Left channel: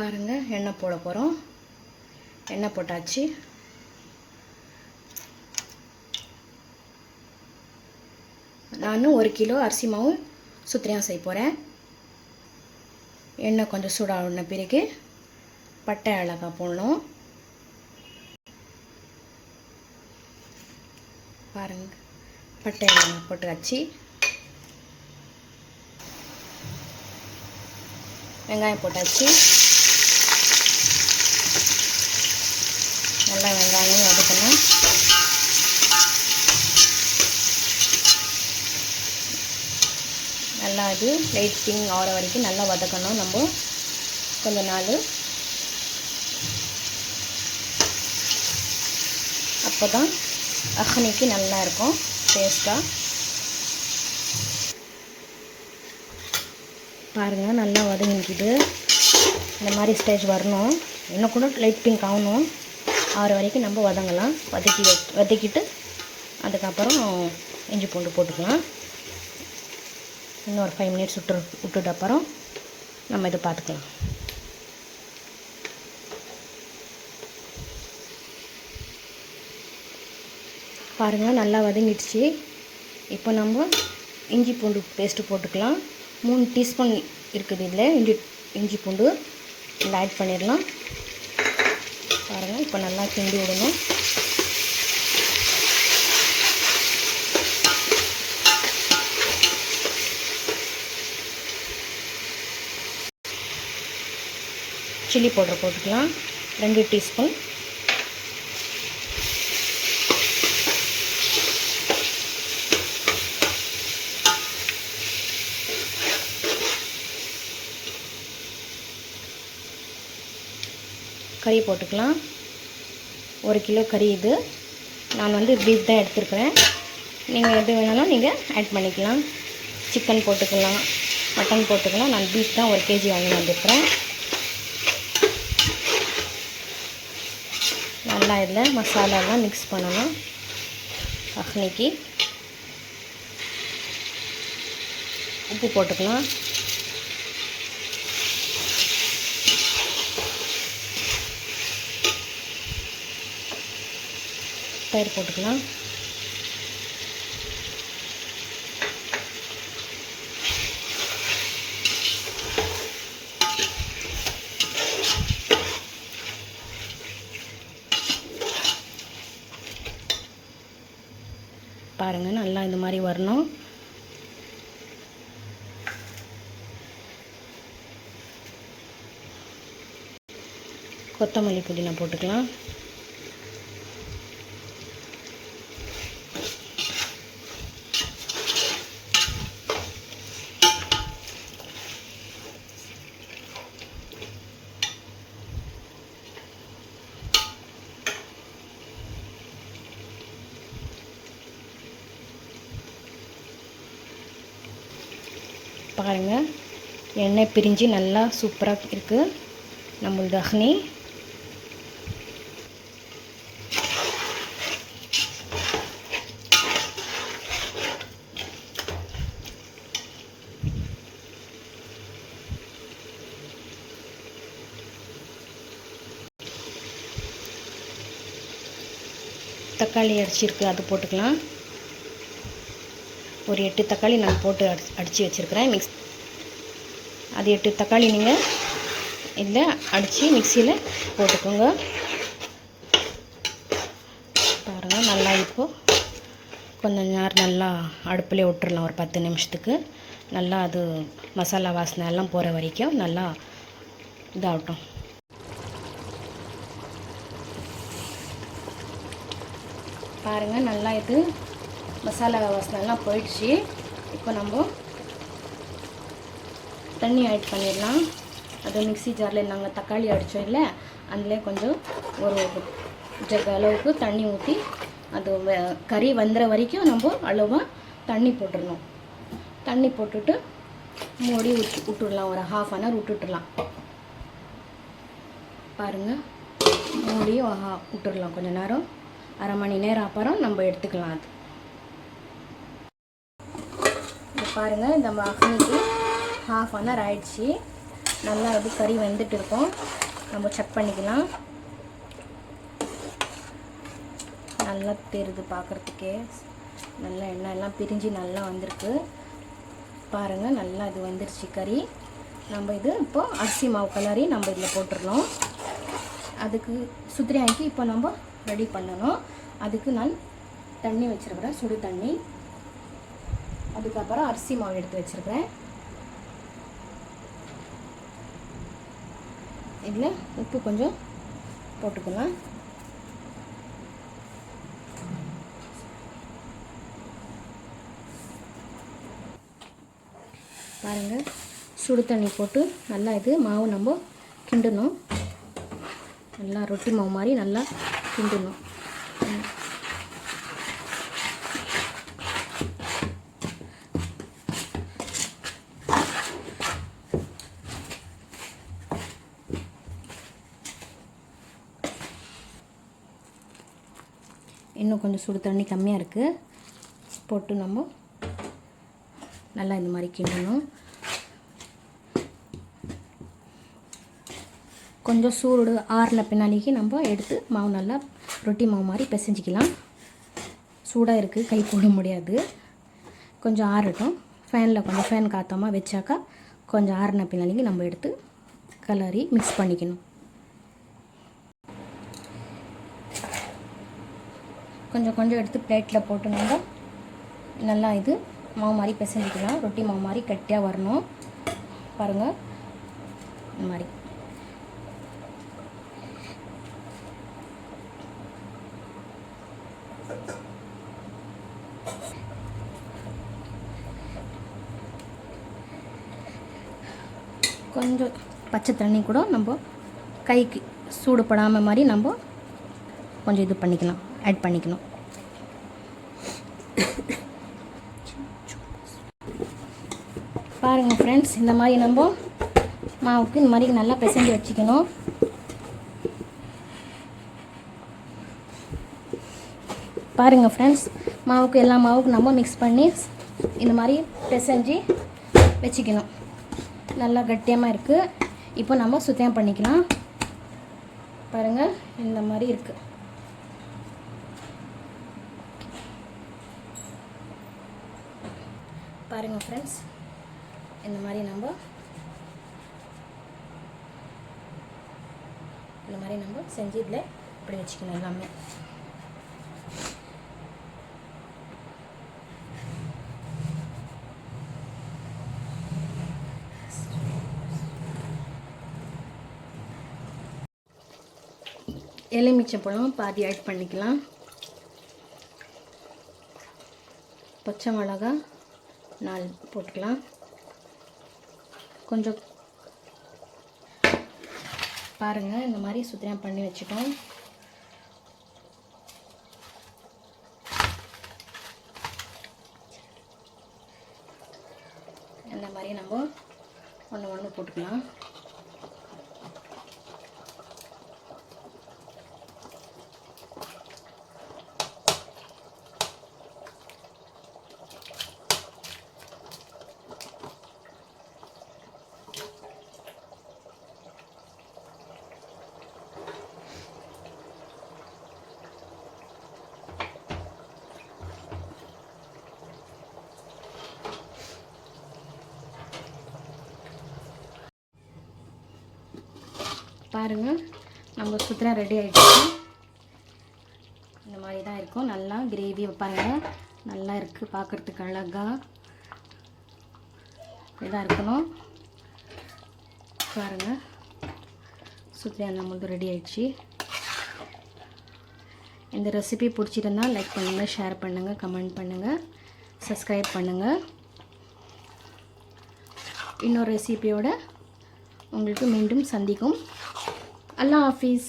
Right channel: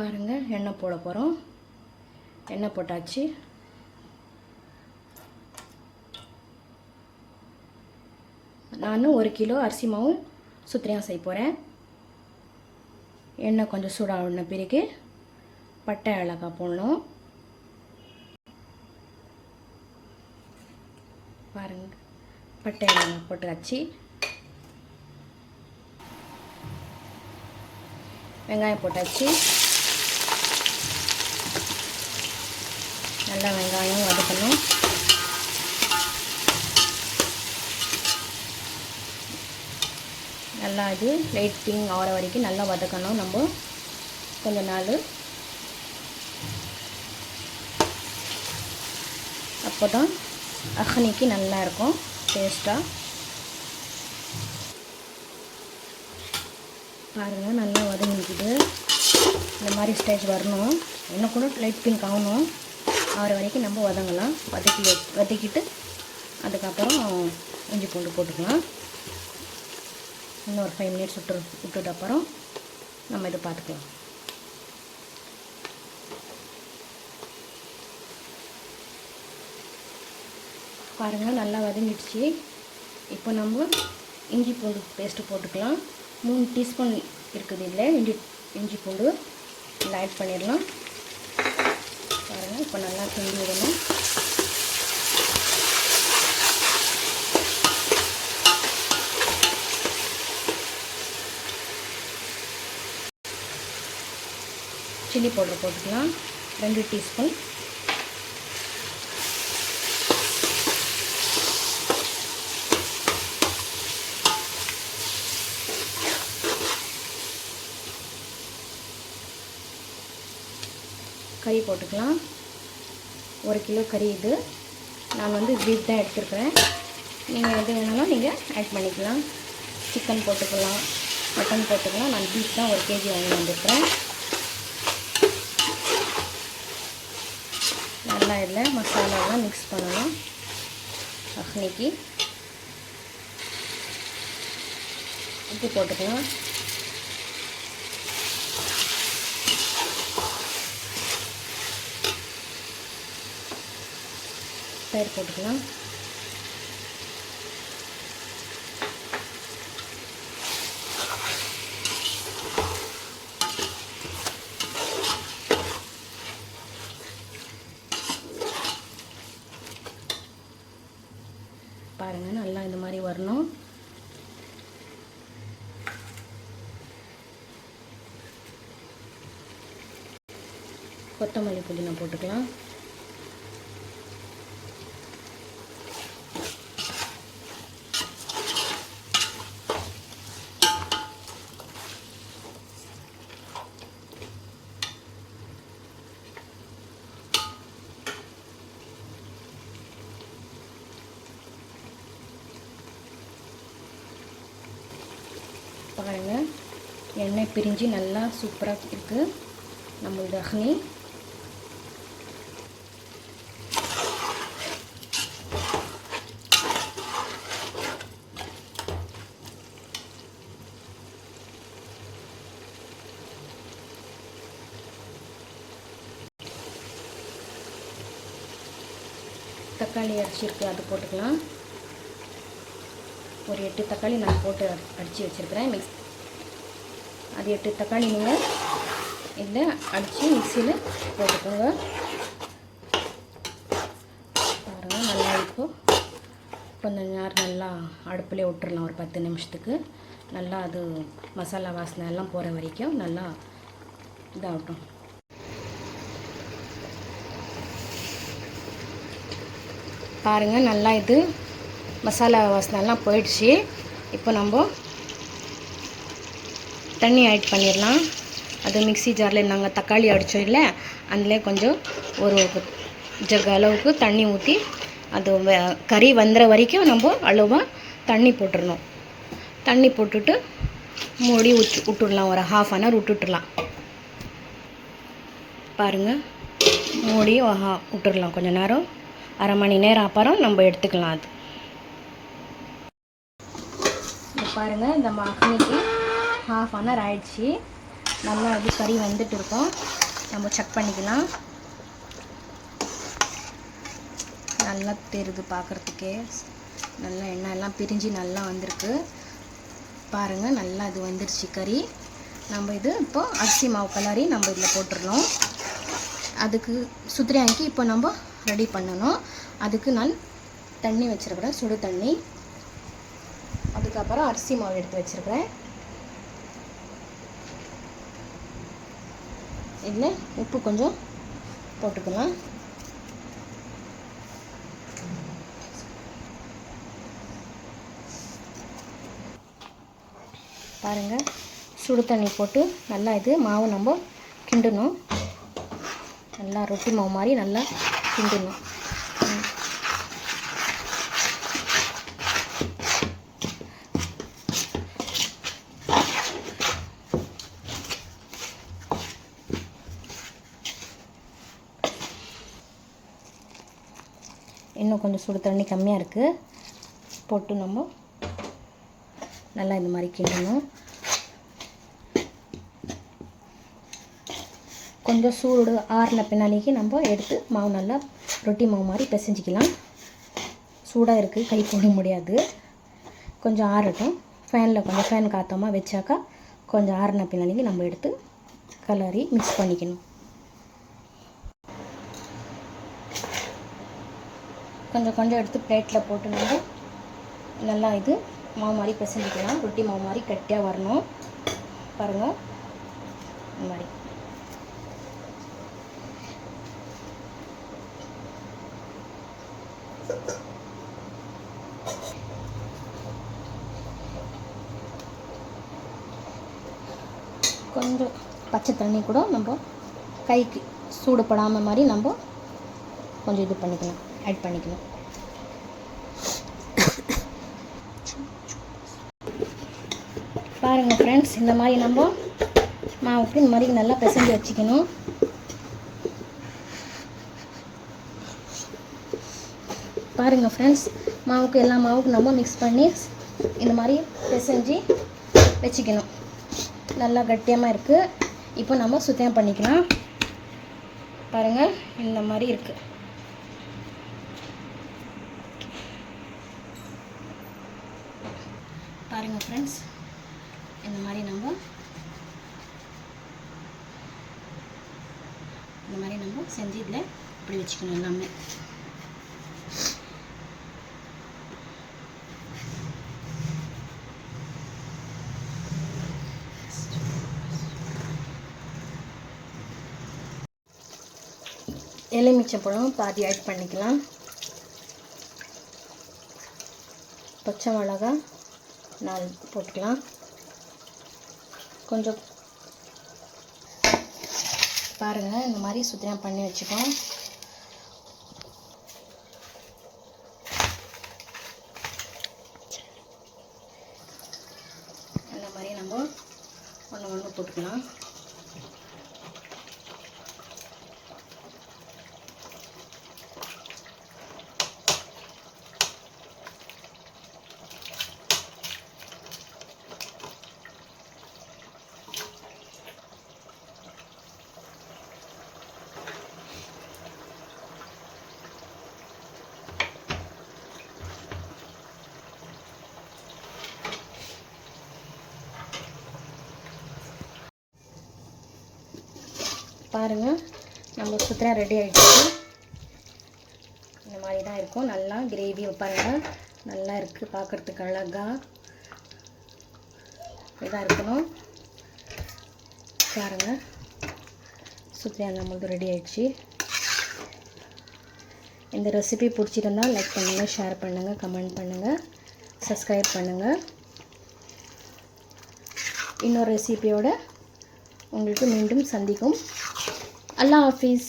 பாருங்கள், எண்ணெய் போட போகிறோம். எண்ணெய் போட்டாச்சு. நான் 1 கிலோ அரிசி மாவு சுத்திரியம் செய்ய போகிறேன். எண்ணெய் கொஞ்சம் சூடான பிறகு பட்டை ஏலக்காய் போடணும். பாருங்கள், பட்டை ஏலக்காய் போட்டாச்சு. வெங்காயம் போட்டாச்சு. நல்லா வெங்காயம் வதக்கணும். நல்லா இது லைட் பிங்க் ஆகிற வரைக்கும் நல்லா வதக்கணும். நம்ம கொஞ்ச நாள் அப்போ தான் அக்னிக்கு நல்லா இருக்கும், டேஸ்ட்டாக. பாருங்கள், நல்லா வதங்கிக்குது. இந்த மாதிரி ஸ்டேஜ் வரணும். இன்னும் கூட லைட் பிங்க் ஆகணும். ஆறு வரைக்கும் நம்ம வதங்கலாம். வதக்கிட்டு அதுக்கப்புறம் இஞ்சி பூண்டு போட்டுக்கலாம். இன்னும் ஒரு 5 மினிட்ஸ் விட்டுட்டு அப்புறம் நம்ம இதை பார்த்துக்கலாம். பாருங்கள், நல்லா வதங்கிடுச்சு. இப்போ நம்ம இஞ்சி பூண்டு பேஸ்ட்டு போட்டுக்கலாம். 3 டீஸ்பூன் இருக்குது இதில் இஞ்சி பூண்டு இதில் ஆட் பண்ணிடலாம். பாருங்கள், இப்போ நல்லா கிண்டி விடணும். சில்லி பவுடர் போட்டுக்கலாம், 2 டீஸ்பூன். கறி போட்டுக்கலாம். 1 கிலோ கறி இது. நான் வந்து பீஃப் தான் எடுத்துருக்கிறேன். நீங்கள் எது வேணாலும் நீங்கள் ஆட் பண்ணிக்கலாம். சிக்கன் போட்டுக்கலாம், மட்டன் போட்டுக்கலாம். நான் பீஃப் தான் 1 kg வாங்கி வந்துருக்கிறேன். நல்லா இதில் மசாலாலாம் மிக்ஸ் பண்ணணும். அக்னிக்கு உப்பு போட்டுக்கலாம். தயிர் போட்டுக்கலாம். பாருங்கள், நல்லா இந்த மாதிரி வரணும். கொத்தமல்லி புதினா போட்டுக்கலாம். பாருங்கள், எண்ணெய் பிரிஞ்சு நல்லா சூப்பராக இருக்குது நம்மளோட அக்னி. தக்காளி அடிச்சிருக்கு, அது போட்டுக்கலாம். ஒரு 8 தக்காளி நான் போட்டு அடித்து வச்சுருக்கிறேன். அது 8 தக்காளி நீங்கள் இதில் அடித்து மிக்சியில் போட்டுக்கோங்க. பாருங்கள், நல்லா இப்போது கொஞ்சம் நேரம் நல்லா அடுப்புலேயே விட்டுறலாம். ஒரு 10 நிமிஷத்துக்கு நல்லா அது மசாலா வாசனை எல்லாம் போகிற வரைக்கும் நல்லா இதாகட்டும். பாருங்கள், நல்லா இது மசாலா வாசனைலாம் போயிடுச்சு. இப்போ நம்ம தண்ணி ஆட் பண்ணிடலாம். அது மிக்ஸி ஜாரில் நாங்கள் தக்காளி அடித்தோம் இல்லை, அதில் கொஞ்சம் ஒரு ஜக் அளவுக்கு தண்ணி ஊற்றி அது கறி வந்துற வரைக்கும் நம்ம அளவாக தண்ணி போட்டுடணும். தண்ணி போட்டுட்டு மூடி விட்டுடலாம். ஒரு 1/2 hour விட்டுடலாம். பாருங்கள், மூடி விட்டுடலாம் கொஞ்சம் நேரம். அரை மணி நேரம் அப்புறம் நம்ம எடுத்துக்கலாம். அது இப்போ பாருங்கள், இந்த அக்னிக்கு 1/2 hour ஆயிடுச்சு. நல்லா இது கறி வெந்துட்டு இருக்கோம். நம்ம செக் பண்ணிக்கலாம். நல்லா தெரியுது பார்க்குறதுக்கே, நல்லா எண்ணெய் எல்லாம் பிரிஞ்சு நல்லா வந்திருக்கு பாருங்கள். நல்லா இது வந்துருச்சு கறி. நம்ம இது இப்போ அரிசி மாவு கலரி நம்ம இதில் போட்டுடணும். அதுக்கு சுத்திரியாக்கி இப்போ நம்ம ரெடி பண்ணணும். அதுக்கு நான் தண்ணி வச்சுருக்கிறேன், சுடு தண்ணி. அதுக்கப்புறம் அரிசி மாவு எடுத்து வச்சுருக்கிறேன். இதில் உப்பு கொஞ்சம் போட்டுக்கலாம். பாருங்கள், சுடு தண்ணி போட்டு நல்லா இது மாவு நம்ம கிண்டணும். நல்லா ரொட்டி மாவு மாதிரி நல்லா கிண்டணும். இன்னும் கொஞ்சம் சுடு தண்ணி கம்மியாக இருக்குது, போட்டு நம்ம நல்லா இந்த மாதிரி கிண்டணும். கொஞ்சம் சூடு ஆறின பின்னாடிக்கு நம்ம எடுத்து மாவு நல்லா ரொட்டி மாவு மாதிரி பிசைஞ்சிக்கலாம். சூடாக இருக்குது, கை போட முடியாது. கொஞ்சம் ஆறட்டும். ஃபேனில் கொஞ்சம் ஃபேன் காற்றாமல் வச்சாக்கா கொஞ்சம் ஆறின பின்னாடிக்கு நம்ம எடுத்து கலரி மிக்ஸ் பண்ணிக்கணும். கொஞ்சம் கொஞ்சம் எடுத்து பிளேட்டில் போட்டு நம்ம நல்லா இது மாவு மாதிரி பிசைஞ்சிக்கலாம். ரொட்டி மாவு மாதிரி கட்டியாக வரணும் பாருங்கள். இந்த மாதிரி கொஞ்சம் பச்சை தண்ணி கூட நம்ம கைக்கு சூடு படாமல் மாதிரி நம்ம கொஞ்சம் இது பண்ணிக்கலாம், ஆட் பண்ணிக்கணும். பாருங்கள் ஃப்ரெண்ட்ஸ், இந்த மாதிரி நம்ம மாவுக்கு இந்த மாதிரி நல்லா பிசைஞ்சு வச்சுக்கணும். பாருங்கள் ஃப்ரெண்ட்ஸ், மாவுக்கு எல்லா மாவுக்கு நம்ம மிக்ஸ் பண்ணி இந்த மாதிரி பிசைஞ்சு வச்சுக்கணும். நல்லா கட்டியமாக இருக்குது. இப்போ நம்ம சுத்தம் பண்ணிக்கலாம். பாருங்கள், இந்த மாதிரி இருக்குது. பாருங்கள் ஃப்ரெண்ட்ஸ், இந்த மாதிரி நம்ம செஞ்சு இதில் இப்படி வச்சுக்கணும் எல்லாமே. எலுமிச்சம்பழம் பாதி ஆட் பண்ணிக்கலாம். பச்சை மிளகா 4 போட்டுக்கலாம். கொஞ்சம் பாருங்கள், இந்த மாதிரி சுத்தம் பண்ணி வச்சுட்டோம். இந்த மாதிரி நம்ம ஒன்று போட்டுக்கலாம். பாருங்கள், நம்ம சுத்தம் ரெடி ஆகிடுச்சு. இந்த மாதிரி தான் இருக்கும். நல்லா கிரேவி பாருங்கள், நல்லா இருக்குது, பார்க்குறதுக்கு அழகாக இதாக இருக்கணும். பாருங்கள், சுத்தம் நம்மளுக்கு ரெடி ஆகிடுச்சு. இந்த ரெசிபி பிடிச்சிருந்தால் லைக் பண்ணுங்கள், ஷேர் பண்ணுங்கள், கமெண்ட் பண்ணுங்கள், சப்ஸ்கிரைப் பண்ணுங்கள். இன்னொரு ரெசிபியோட உங்களுக்கு மீண்டும் சந்திக்கும். அல்லாஹ் ஹாஃபிஸ்.